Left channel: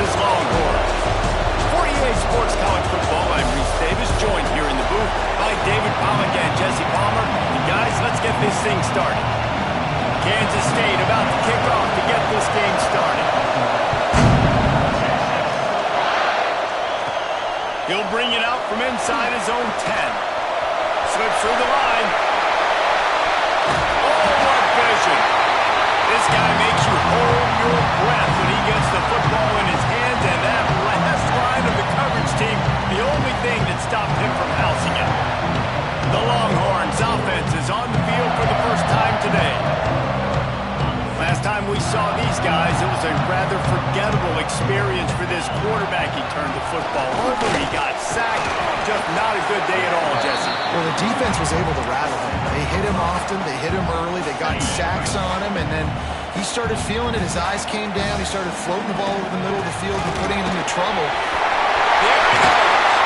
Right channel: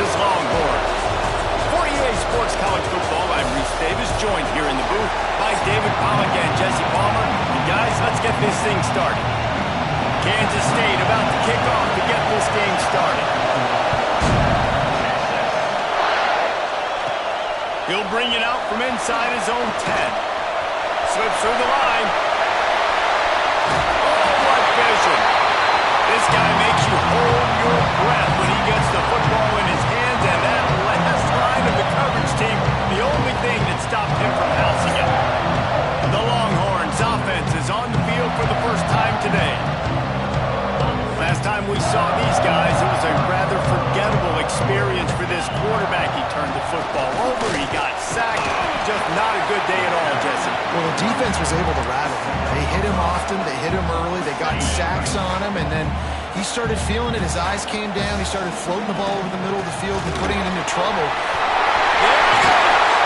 Texas Longhorns. For EA Sports College Football, I'm Reese Davis, joined here in the booth by David Pollack and Jesse Palmer. And guys, let's get this thing started. Kansas State about to kick off to get this game started. He'll bring it out from inside his own 10. Slips through the line. Oh, what vision. This guy makes you hold your breath when he gets the football in his hands, and that last line of the coverage team, the only thing that stopped him from housing it. The Longhorns offense is on the field for the first time today. Last time we saw these guys, it was a rather forgettable experience for this quarterback. He turned the football over, he got sacked. Just not a good day at all, Jesse. Well, the defense was able to rattle him. They hit him often, they hit him early, they got sacks on him, and then he started feeling it. His eyes came down, he started floating the ball over the middle of the field and putting it into trouble. There he goes!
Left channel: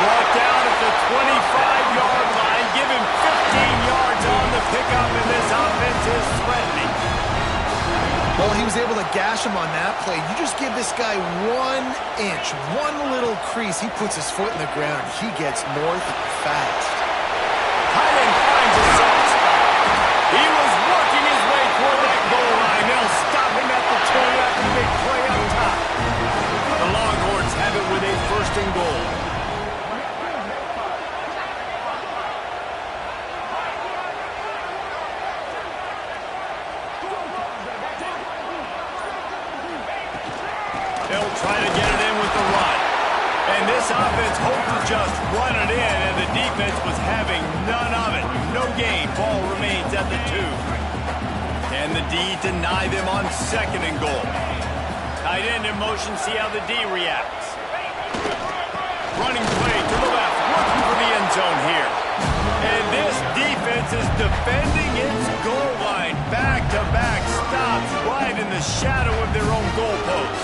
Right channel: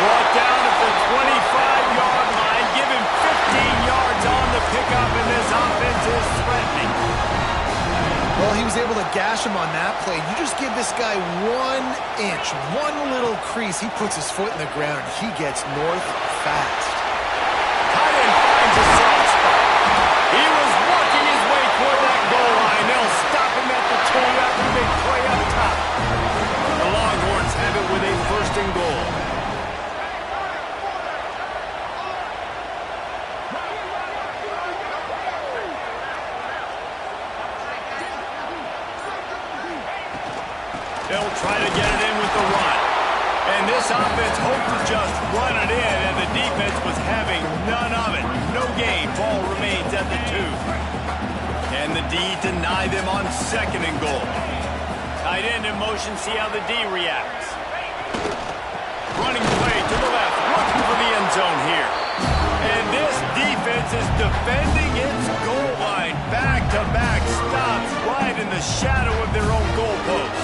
Brought down at the 25-yard line. Give him 15 yards on the pickup, and this offense is threatening. Well, he was able to gash him on that play. You just give this guy 1 inch, one little crease. He puts his foot in the ground. He gets north fast. Tight end finds a soft spot. He was working his way toward that goal line. They'll stop him at the 2 after the big play up top. The Longhorns have it with a 1st and goal. They'll try to get it in with the run. And this offense hoped to just run it in, and the defense was having none of it. No gain. Ball remains at the 2. Can the D deny them on 2nd and goal? Tight end in motion. See how the D reacts. Running play to the left. Looking for the end zone here. And this defense is defending its goal line. Back-to-back stops right in the shadow of their own goalpost.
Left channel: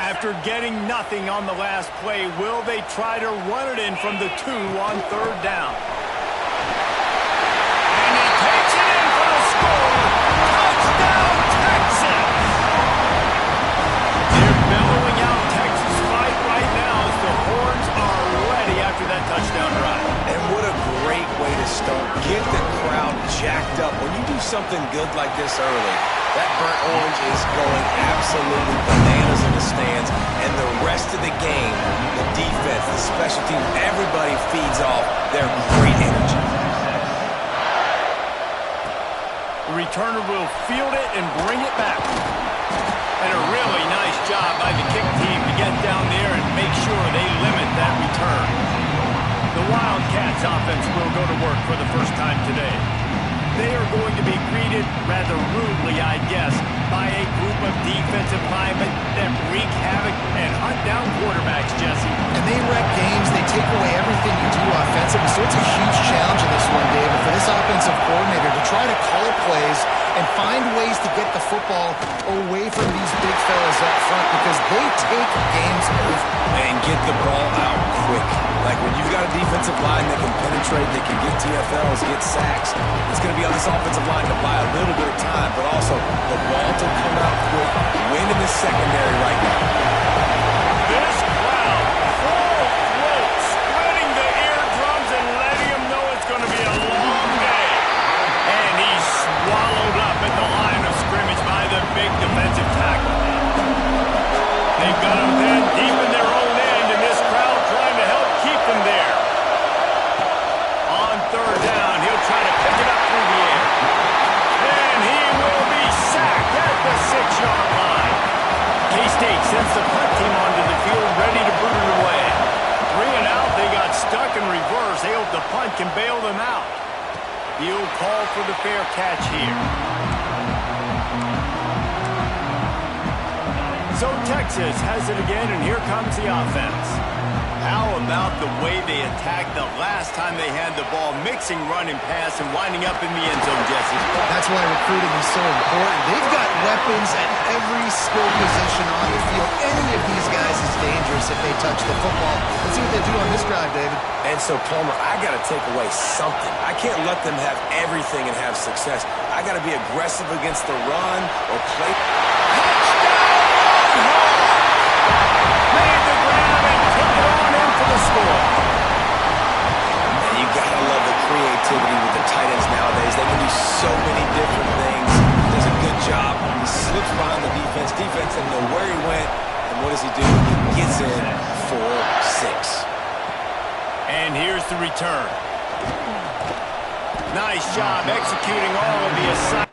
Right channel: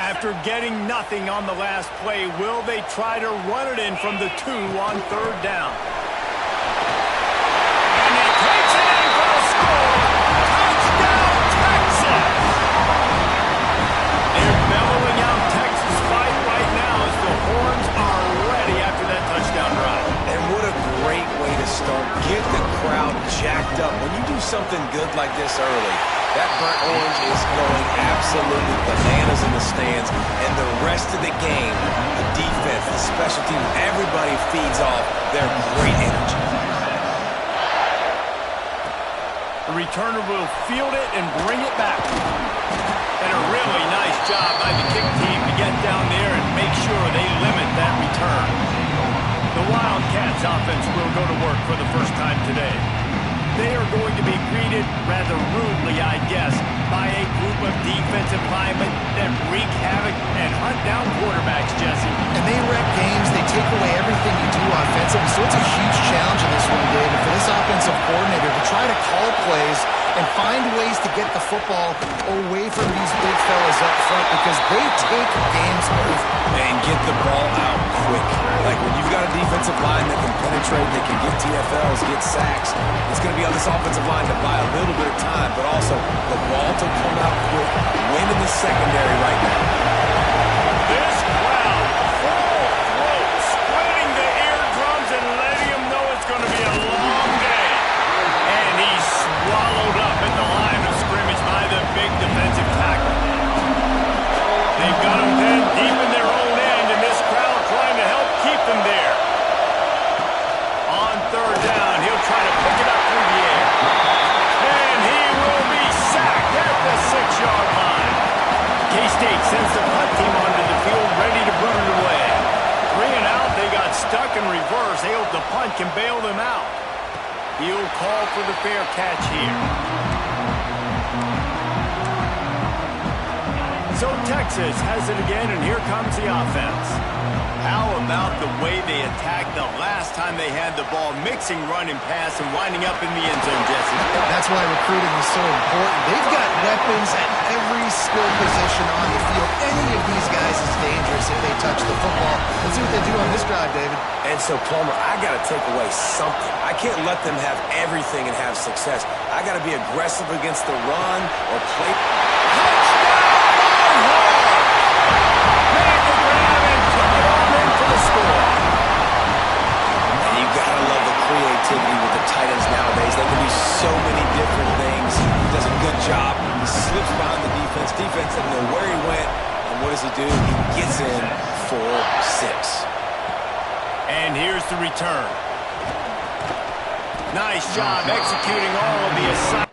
After getting nothing on the last play, will they try to run it in from the 2 on 3rd down? And he takes it in for the score. Touchdown, Texas! They're bellowing out Texas fight right now as the horns are ready after that touchdown drive. And what a great way to start. Get the crowd jacked up. When you do something good like this early, that burnt orange is going absolutely bananas in the stands. And the rest of the game, the defense, the special teams, everybody feeds off their great energy. The returner will field it and bring it back. And a really nice job by the kick team to get down there and make sure they limit that return. The Wildcats offense will go to work for the first time today. They are going to be greeted rather rudely, I guess, by a group of defensive linemen that wreak havoc and hunt down quarterbacks, Jesse. And they wreck games. They take away everything you do offensively. So it's a huge challenge in this one, David, for this offensive coordinator to try to call plays and find ways to get the football away from these big fellas up front because they take games over. And get the ball out quick. Like when you've got a defensive line that can penetrate, they can get TFLs, get sacks, it's going to be on this offensive line to buy a little bit of time, but also the ball to come out quick, win in the secondary right now. This crowd, full throat, splitting the eardrums and letting them know it's going to be a long day. And he's swallowed up at the line of scrimmage by the big defensive tackle. They've got him then deep in their own end, and this crowd trying to help keep them there. On 3rd down, he'll try to pick it up through the air. And he will be sacked at the 6-yard line. K-State sends the punt team onto the field, ready to boot it away. 3 and out, they got stuck in reverse. They hope the punt can bail them out. He'll call for the fair catch here. So Texas has it again, and here comes the offense. How about the way they attacked the last time they had the ball, mixing run and pass and winding up in the end zone, Jesse? That's why recruiting is so important. They've got weapons at every skill position on the field. Any of these guys is dangerous. dangerous if they touch the football. Let's see what they do on this drive, David. And so, Palmer, I got to take away something. I can't let them have everything and have success. I got to be aggressive against the run or play. Touchdown, Longhorn! Made the grab and took it on in for the score. And you got to love the creativity with the tight ends nowadays. They can do so many different things. He does a good job. He slips behind the defense. Defense doesn't know where he went. And what does he do? He gets in for 6. And here's the return. Nice job executing all of the assignments.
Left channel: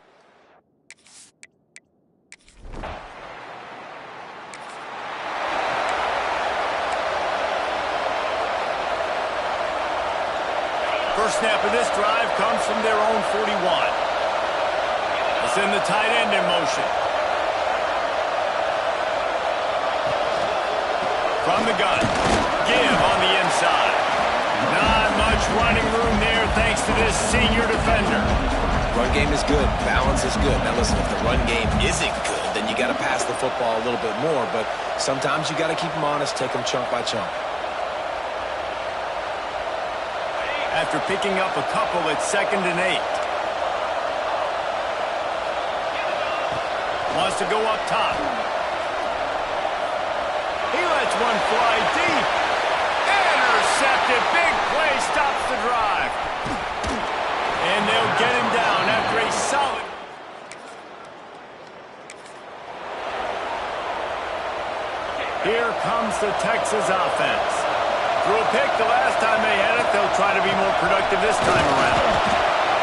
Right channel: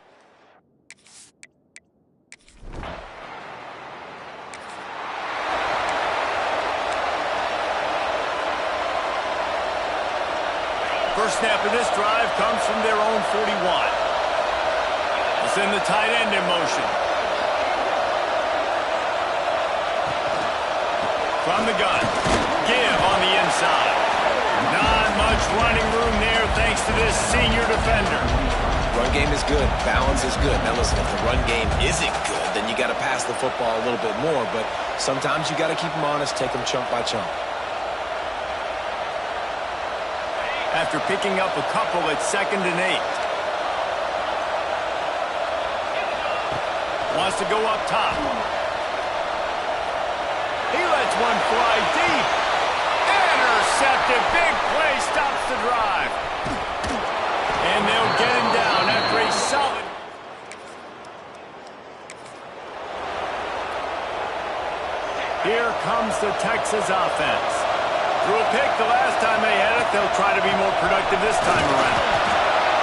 First snap of this drive comes from their own 41. We'll send the tight end in motion. From the gun, give on the inside. Not much running room there thanks to this senior defender. Run game is good. Balance is good. Now listen, if the run game isn't good, then you got to pass the football a little bit more. But sometimes you got to keep them honest, take them chunk by chunk. After picking up a couple at 2nd and 8. Wants to go up top. He lets one fly deep. Intercepted. Big play stops the drive. And they'll get him down after a solid. Here comes the Texas offense. Threw a pick the last time they had it. They'll try to be more productive this time around.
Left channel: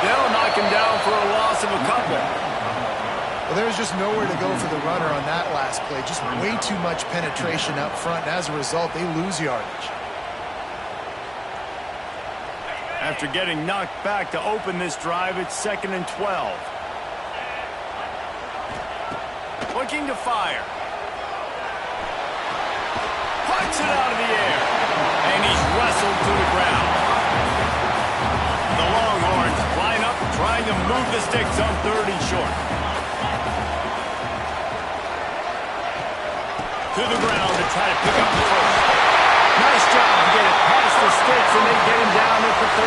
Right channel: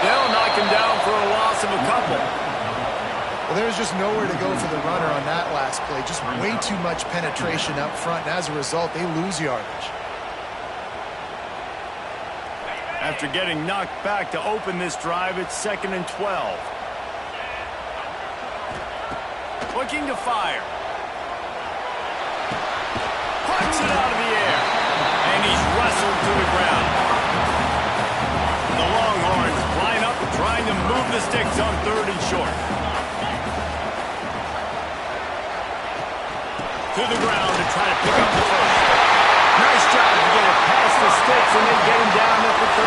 They'll knock him down for a loss of a couple. Well, there was just nowhere to go for the runner on that last play. Just way too much penetration up front, and as a result, they lose yardage. After getting knocked back to open this drive, it's 2nd and 12. Looking to fire. Puts it out of the air. And he's wrestled to the ground. The Longhorns line up trying to move the sticks on 3rd and short. To the ground to try to pick up the first. Nice job to get it past the sticks, and they get him down at the 35.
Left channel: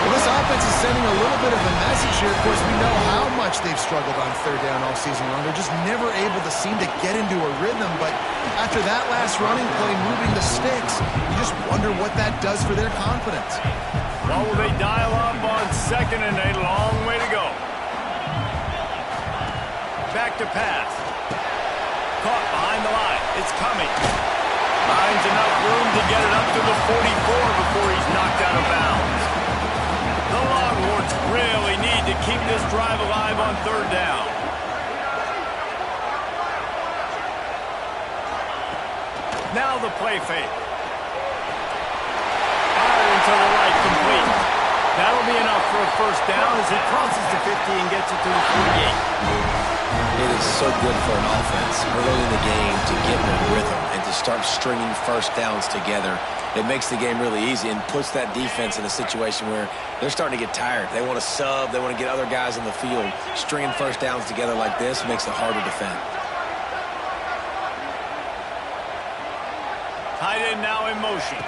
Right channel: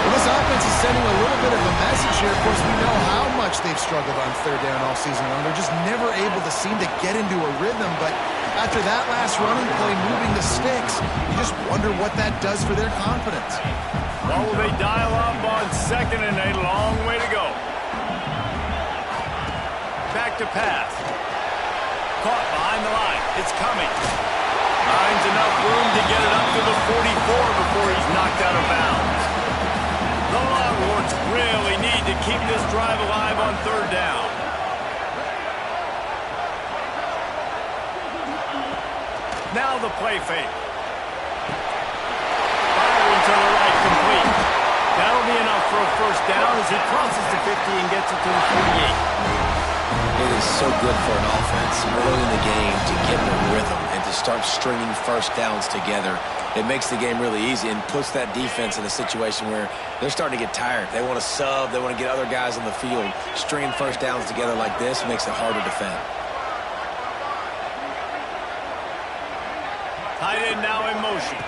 Well, this offense is sending a little bit of a message here. Of course, we know how much they've struggled on 3rd down all season long. They're just never able to seem to get into a rhythm. But after that last running play, moving the sticks, you just wonder what that does for their confidence. Well, will they dial up on 2nd and 8? Long way to go. Back to pass. Caught behind the line. It's coming. Finds enough room to get it up to the 44 before he's knocked out of bounds. The Longhorns really need to keep this drive alive on 3rd down. Now the play fake. Firing to the right, complete. That'll be enough for a first down as he crosses the 50 and gets it to the 48. It is so good for an offense early in the game to get in a rhythm and to start stringing first downs together. It makes the game really easy and puts that defense in a situation where they're starting to get tired. They want to sub. They want to get other guys on the field. Stringing first downs together like this makes it hard to defend. Tight end now in motion.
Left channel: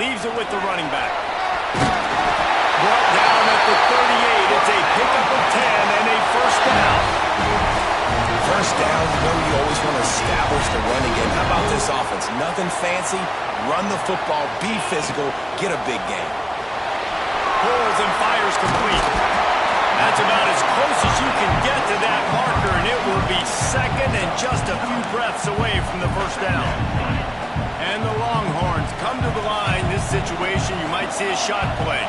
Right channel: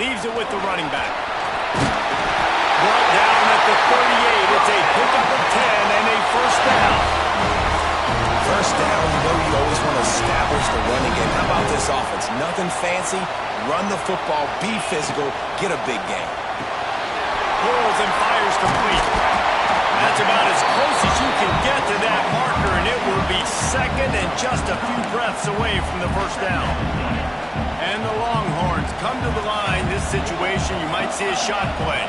Leaves it with the running back. Brought down at the 38. It's a pickup of 10 and a first down. First down, you know you always want to establish the running game. How about this offense? Nothing fancy. Run the football, be physical, get a big game. Pulls and fires complete. That's about as close as you can get to that marker, and it will be 2nd and just a few breaths away from the first down. And the Longhorns come to the line. This situation, you might see a shot play.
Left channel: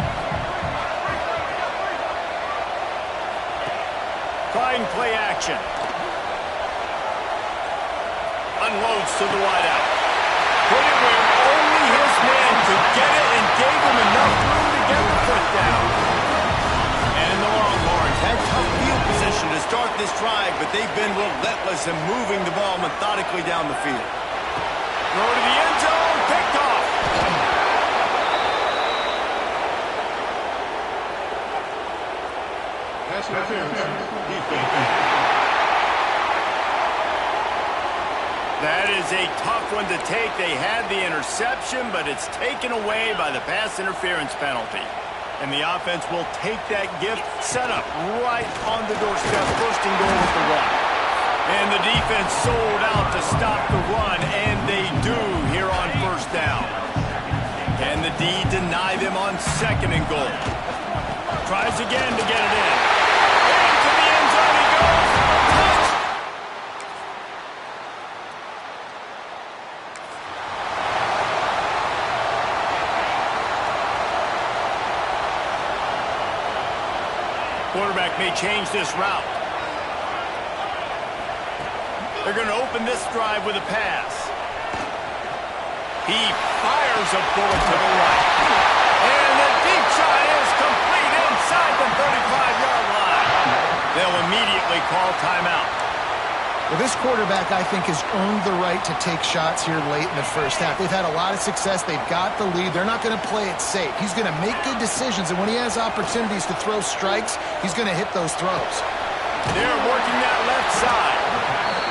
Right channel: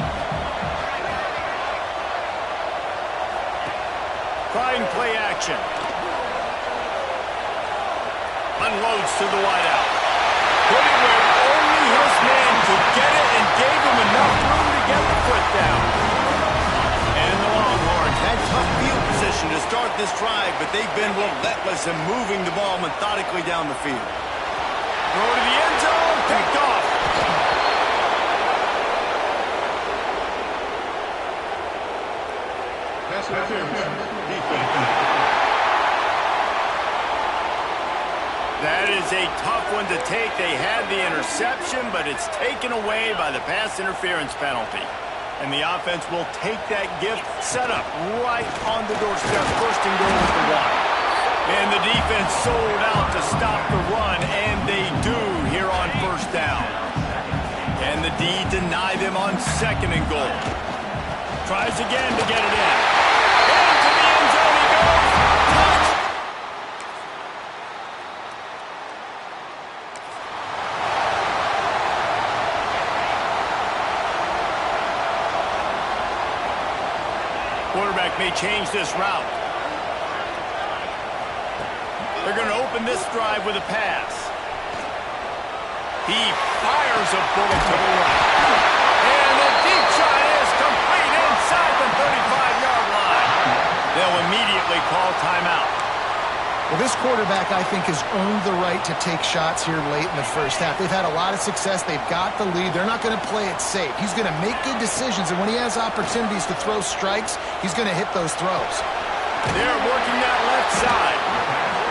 Trying play action. Unloads to the wideout. Put it where only his man could get it and gave him enough room to get the foot down. And the Longhorns had tough field position to start this drive, but they've been relentless in moving the ball methodically down the field. Throw to the end zone, picked off. Pass interference, defense. That is a tough one to take. They had the interception, but it's taken away by the pass interference penalty. And the offense will take that gift, set up right on the doorstep, first and goal with the one. And the defense sold out to stop the run, and they do here on first down. Can the D deny them on second and goal? Tries again to get it in. Into the end zone he goes. Touch! Quarterback may change this route. They're going to open this drive with a pass. He fires a bullet to the right. And the deep shot is complete inside the 35-yard line. They'll immediately call timeout. Well, this quarterback, I think, has earned the right to take shots here late in the first half. They've had a lot of success. They've got the lead. They're not going to play it safe. He's going to make good decisions, and when he has opportunities to throw strikes, he's going to hit those throws. They're working that left side.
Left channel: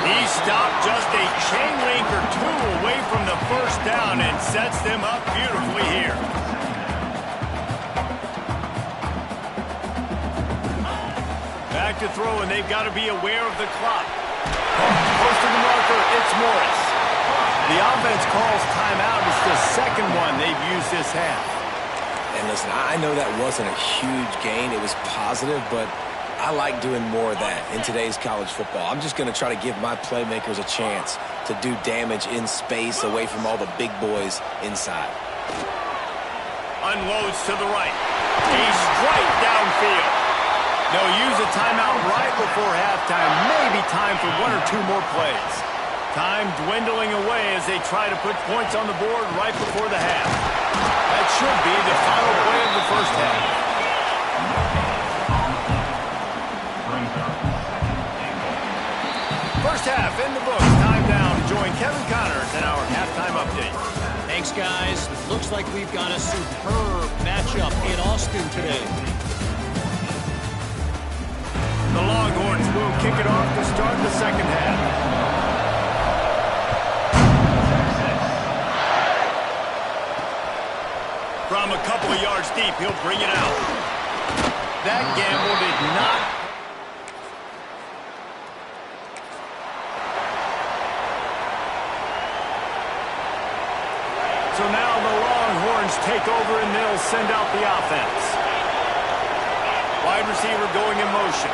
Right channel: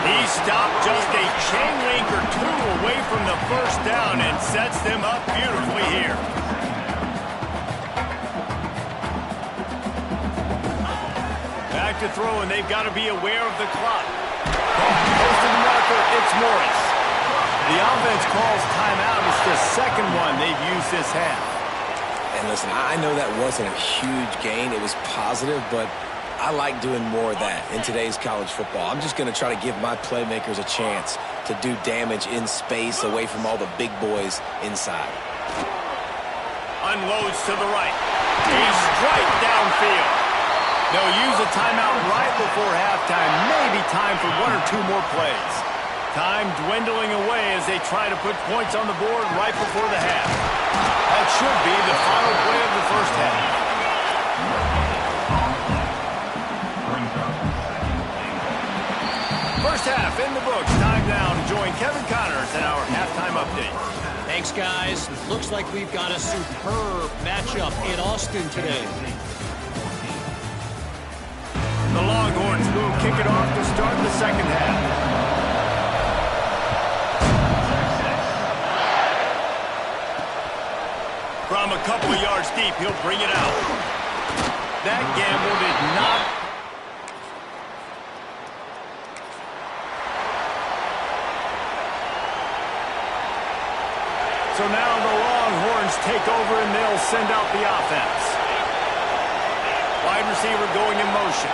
He stopped just a chain link or two away from the first down and sets them up beautifully here. Back to throw, and they've got to be aware of the clock. Close to the marker, it's Morris. The offense calls timeout. It's the second one they've used this half. And listen, I know that wasn't a huge gain. It was positive, but I like doing more of that in today's college football. I'm just going to try to give my playmakers a chance to do damage in space away from all the big boys inside. Unloads to the right. A strike downfield. They'll use a timeout right before halftime. Maybe time for one or two more plays. Time dwindling away as they try to put points on the board right before the half. That should be the final play of the first half. First half in the books. Time now to join Kevin Connors in our halftime update. Thanks, guys. Looks like we've got a superb matchup in Austin today. The Longhorns will kick it off to start the second half. From a couple of yards deep, he'll bring it out. That gamble did not. So now the Longhorns take over and they'll send out the offense. Wide receiver going in motion.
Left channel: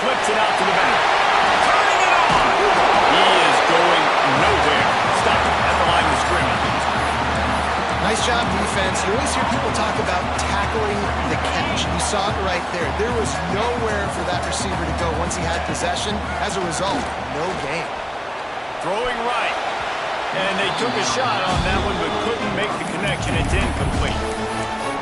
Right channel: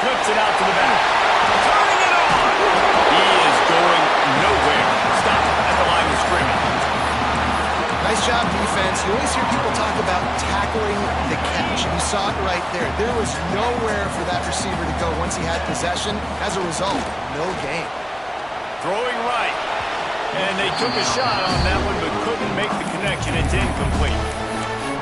Flips it out to the back. Turning it on. He is going nowhere. Stopped at the line of scrimmage. Nice job, defense. You always hear people talk about tackling the catch. You saw it right there. There was nowhere for that receiver to go once he had possession. As a result, no gain. Throwing right. And they took a shot on that one but couldn't make the connection. It's incomplete.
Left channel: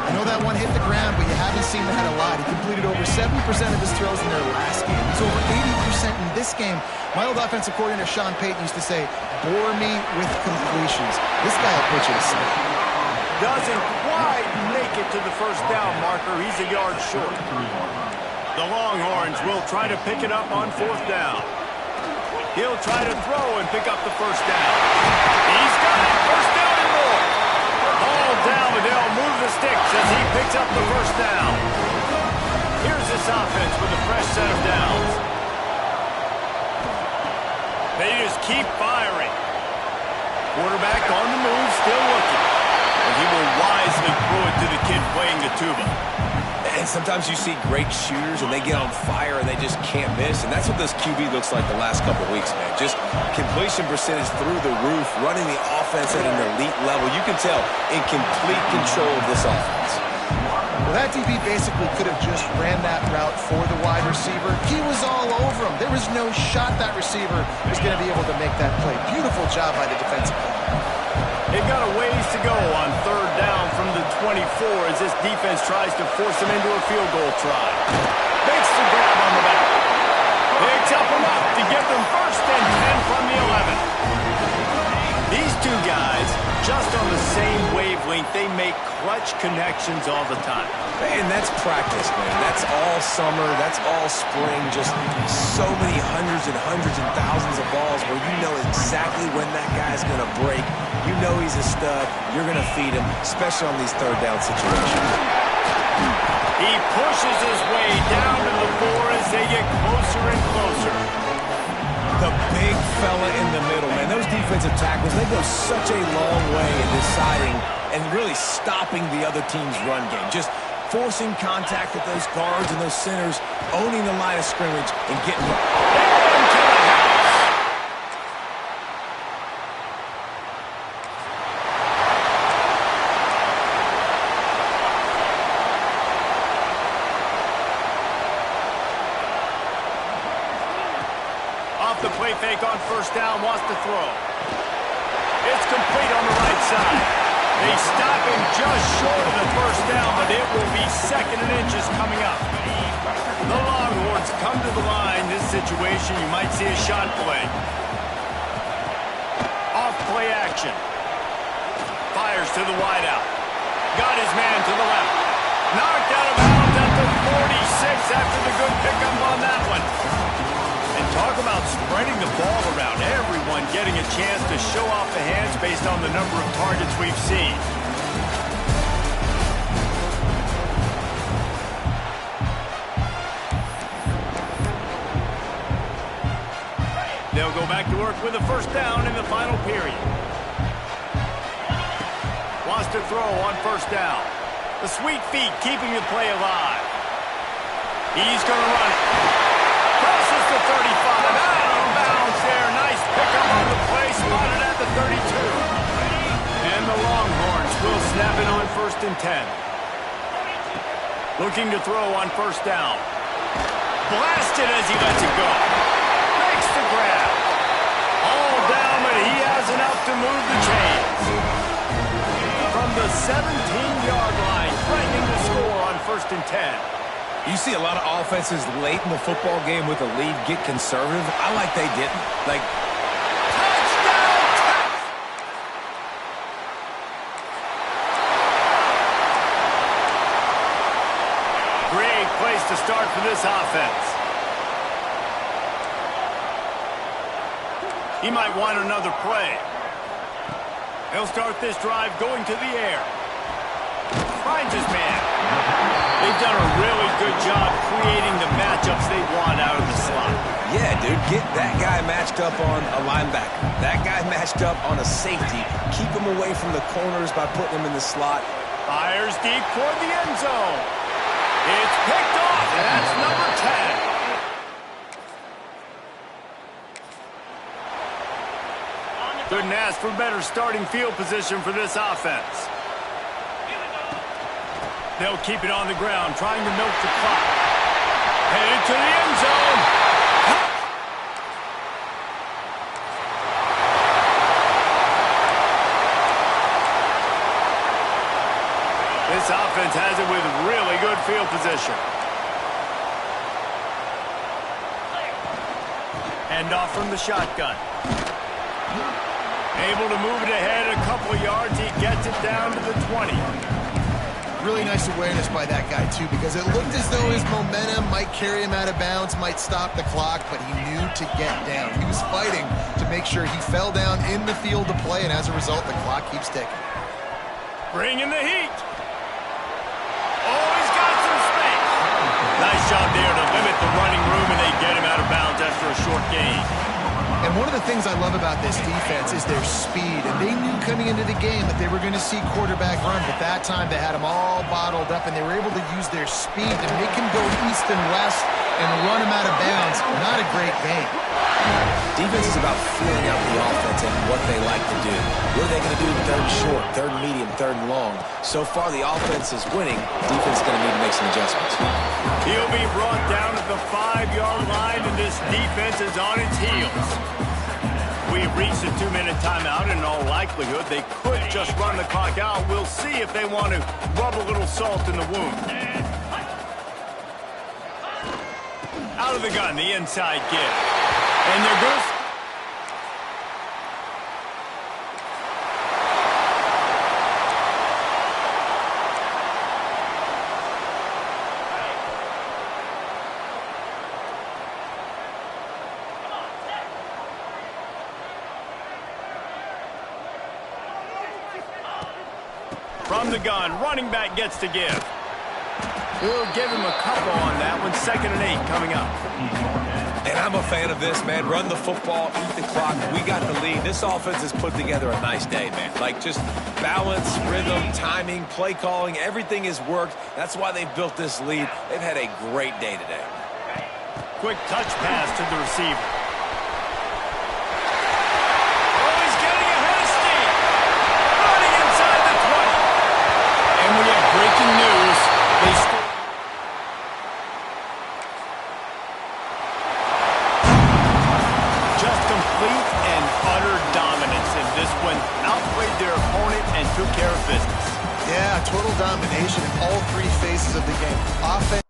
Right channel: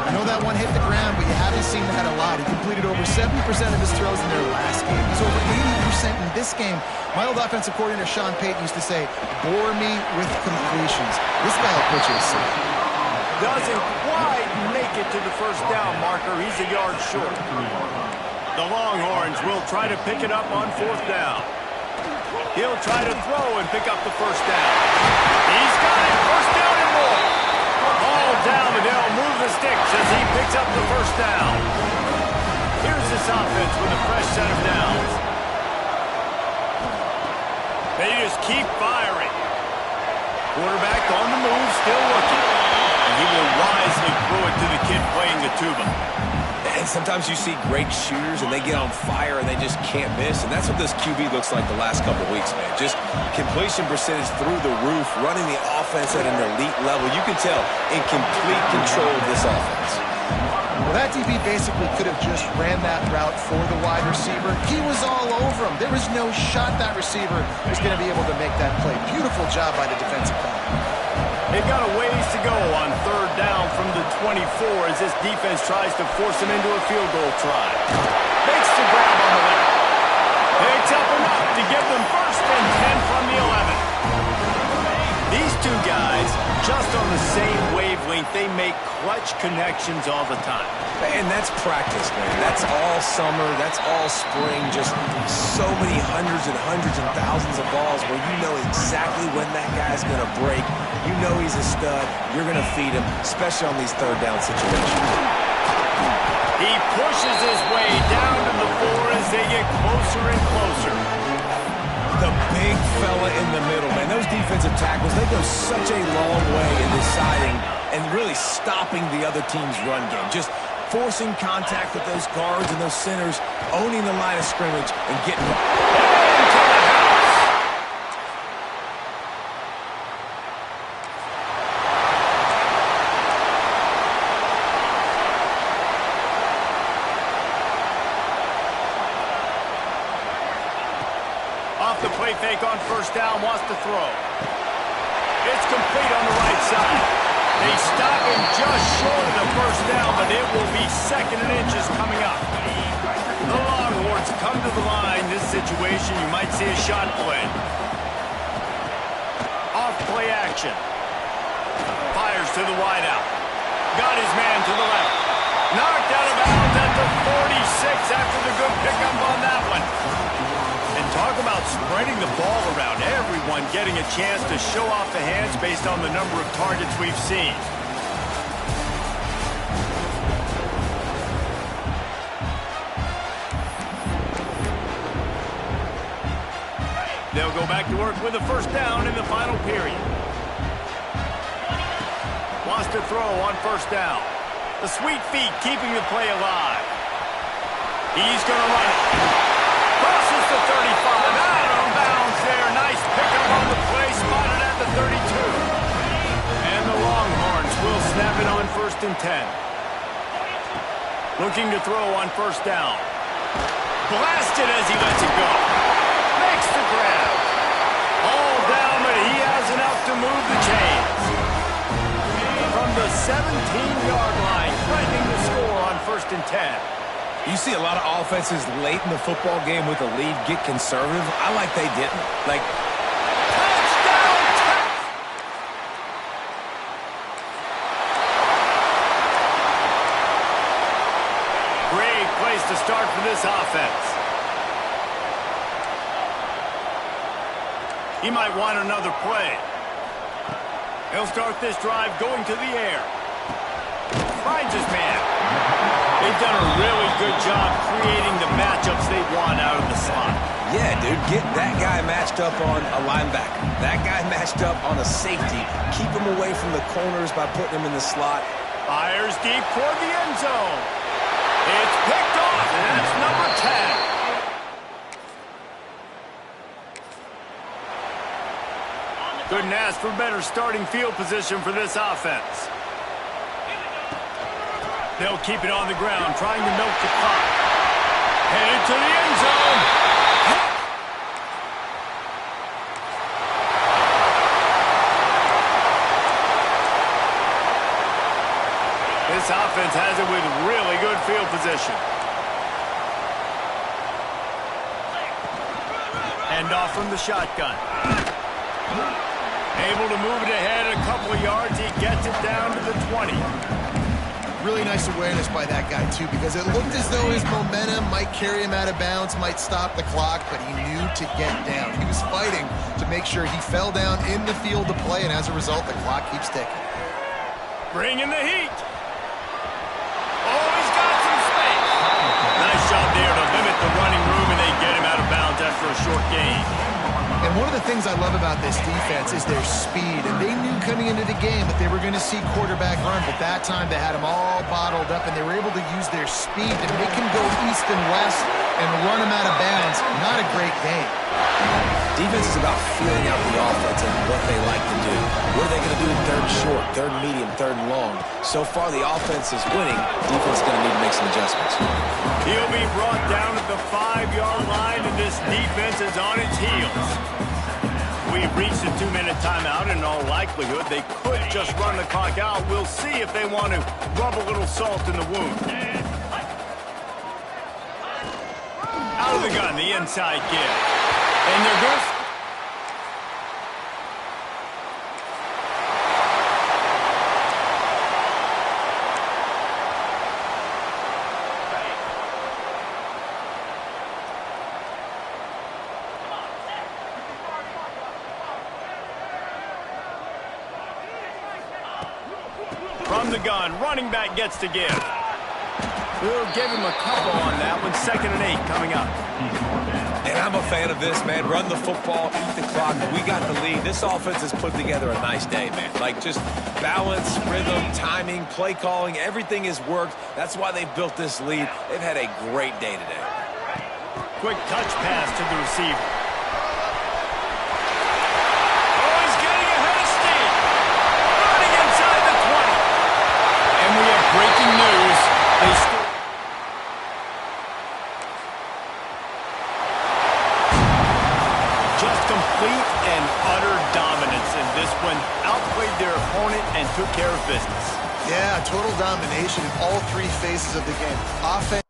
I know that one hit the ground, but you haven't seen that a lot. He completed over 70% of his throws in their last game. He's over 80% in this game. My old offensive coordinator, Sean Payton, used to say, bore me with completions. This guy will put you to sleep. Doesn't quite make it to the first down marker. He's a yard short. The Longhorns will try to pick it up on fourth down. He'll try to throw and pick up the first down. He's got it. First down and more. Ball down, and they'll move the sticks as he picks up the first down. Here's this offense with a fresh set of downs. They just keep firing. Quarterback on the move, still looking. And he will wisely throw it to the kid playing the tuba. And sometimes you see great shooters, and they get on fire, and they just can't miss. And that's what this QB looks like the last couple weeks, man. Just completion percentage through the roof, running the offense at an elite level. You can tell in complete control of this offense. Well, that DB basically could have just ran that route for the wide receiver. He was all over him. There was no shot that receiver was going to be able to make that play. Beautiful job by the defensive back. They've got a ways to go on third down from the 24 as this defense tries to force them into a field goal try. Makes the grab on the left. Picks up enough to give them first and 10 from the 11. These two guys, just on the same wavelength, they make clutch connections all the time. And that's practice, man. That's all summer. That's all spring. Just so many hundreds and thousands of balls where you know exactly when that guy's going to break. You know he's a stud. You're going to feed him, especially on these third down situations. He pushes his way down to the 4 as they get closer and closer. The big fella in the middle, man. Those defensive tackles, they go such a long way in deciding and really stopping the other team's run game. Just forcing contact with those guards and those centers, owning the line of scrimmage, and getting into the house. Off the play fake on first down, wants to throw. It's complete on the right side. They stop him just short of the first down, but it will be 2nd and inches coming up. The Longhorns come to the line. This situation, you might see a shot play. Off play action. Fires to the wideout. Got his man to the left. Knocked out of bounds at the 46 after the good pickup on that one. And talk about spreading the ball around. Everyone getting a chance to show off the hands based on the number of targets we've seen. They'll go back to work with a first down in the final period. Wants to throw on first down. The sweet feet keeping the play alive. He's going to run it. Crosses the 35, out of bounds there. Nice pickup on the play, spotted at the 32. And the Longhorns will snap it on 1st and 10. Looking to throw on first down. Blasted as he lets it go. Makes the grab. All down, but he has enough to move the chains. From the 17-yard line, threatening the score on 1st and 10. You see a lot of offenses late in the football game with a lead get conservative. I like they didn't. Like, touchdown, Tex! Great place to start for this offense. He might want another play. He'll start this drive going to the air. Finds his man. They've done a really good job creating the matchups they want out of the slot. Yeah, dude, get that guy matched up on a linebacker. That guy matched up on a safety. Keep him away from the corners by putting him in the slot. Fires deep toward the end zone. It's picked off, and that's number 10. Couldn't ask for better starting field position for this offense. They'll keep it on the ground, trying to milk the clock. Headed to the end zone. This offense has it with really good field position. Hand off from the shotgun. Able to move it ahead a couple of yards. He gets it down to the 20. Really nice awareness by that guy, too, because it looked as though his momentum might carry him out of bounds, might stop the clock, but he knew to get down. He was fighting to make sure he fell down in the field to play, and as a result, the clock keeps ticking. Bring in the heat. Oh, he's got some space. Nice job there to limit the running room, and they get him out of bounds after a short gain. And one of the things I love about this defense is their speed. And they knew coming into the game that they were going to see quarterback run, but that time they had them all bottled up, and they were able to use their speed to make him go east and west and run him out of bounds. Not a great game. Defense is about feeling out the offense and what they like to do. What are they going to do in third and short, third and medium, third and long? So far, the offense is winning. Defense is going to need to make some adjustments. He'll be brought down at the 5-yard line, and this defense is on its heels. We've reached a 2-minute timeout, and in all likelihood, they could just run the clock out. We'll see if they want to rub a little salt in the wound. Out of the gun, the inside give. And they're good. From the gun, running back gets to give. He'll give him a couple on that one. 2nd and 8 coming up. And I'm a fan of this, man. Run the football, eat the clock. We got the lead. This offense has put together a nice day, man. Like, just balance, rhythm, timing, play calling, everything has worked. That's why they've built this lead. They've had a great day today. Quick touch pass to the receiver. Oh, he's getting ahead of steam. Running inside the 20. And we have breaking news. They scored. Just complete and utter dominance in this one. Outplayed their opponent and took care of business. Yeah, total domination in all three phases of the game. Offense.